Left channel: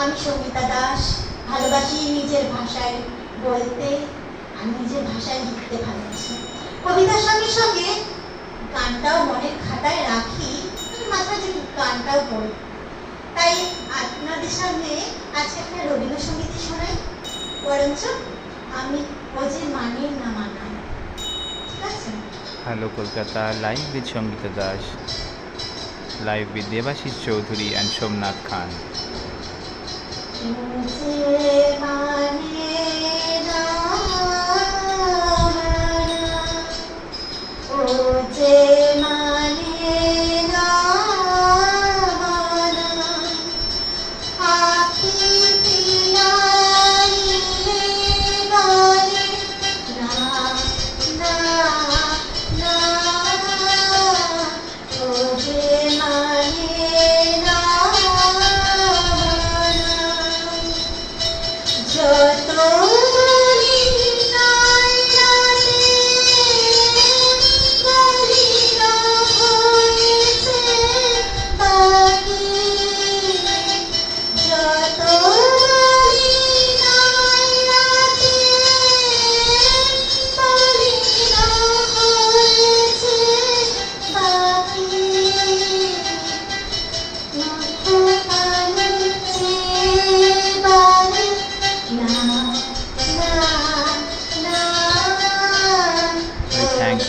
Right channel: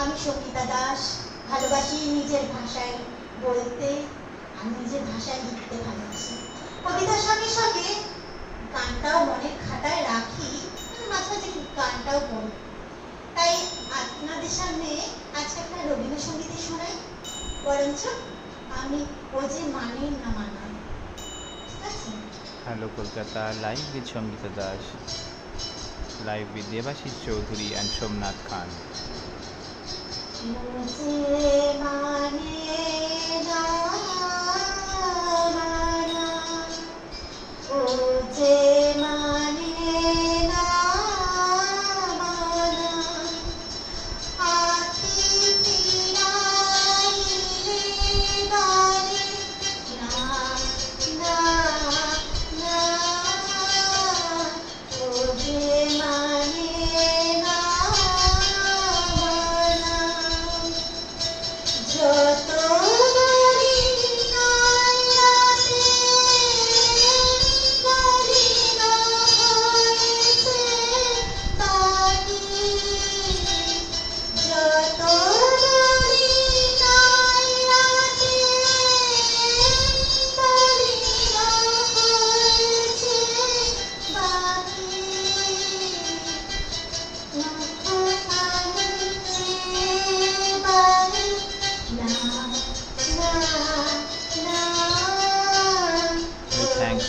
আমি সঙ্গীতা দাস, ভালোবাসি নিজের ভাষায় বলতে আর নিজের ভাষায় লিখতে ভালোবাসি। কবিতার সঙ্গে সঙ্গে গানটাও মনের খাতায় রাখি, মাঝে মাঝে গানটাও পড়ি। তাই আপনাদের সামনে আজকে একটা রবীন্দ্রসঙ্গীতই শোনাই, বরঞ্চ আমি ও যে মানে না মানায়। ঠিক আছে? Hello Kolkata, live with Shangita Das, live with Devashish Chaudhary and Somnath Khan.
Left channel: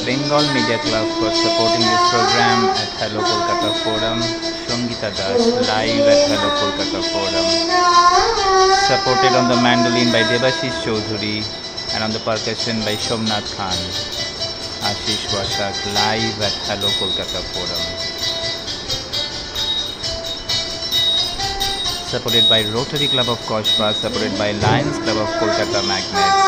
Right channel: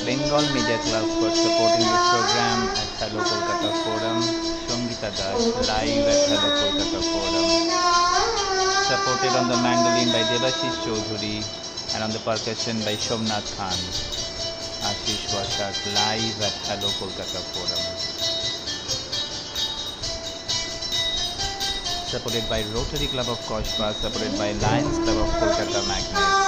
Bengal Media Club for supporting this program at Hello Kolkata Forum. Shangita Das live at Hello Kolkata Forum. Supported on the mandolin by Devashish Chaudhary and on the percussion by Somnath Khan. Ashish Vashak live at Hello Kolkata Forum. Supported by Rotary Club of Koshba, supported by Lions Club of Kolkata Magnets.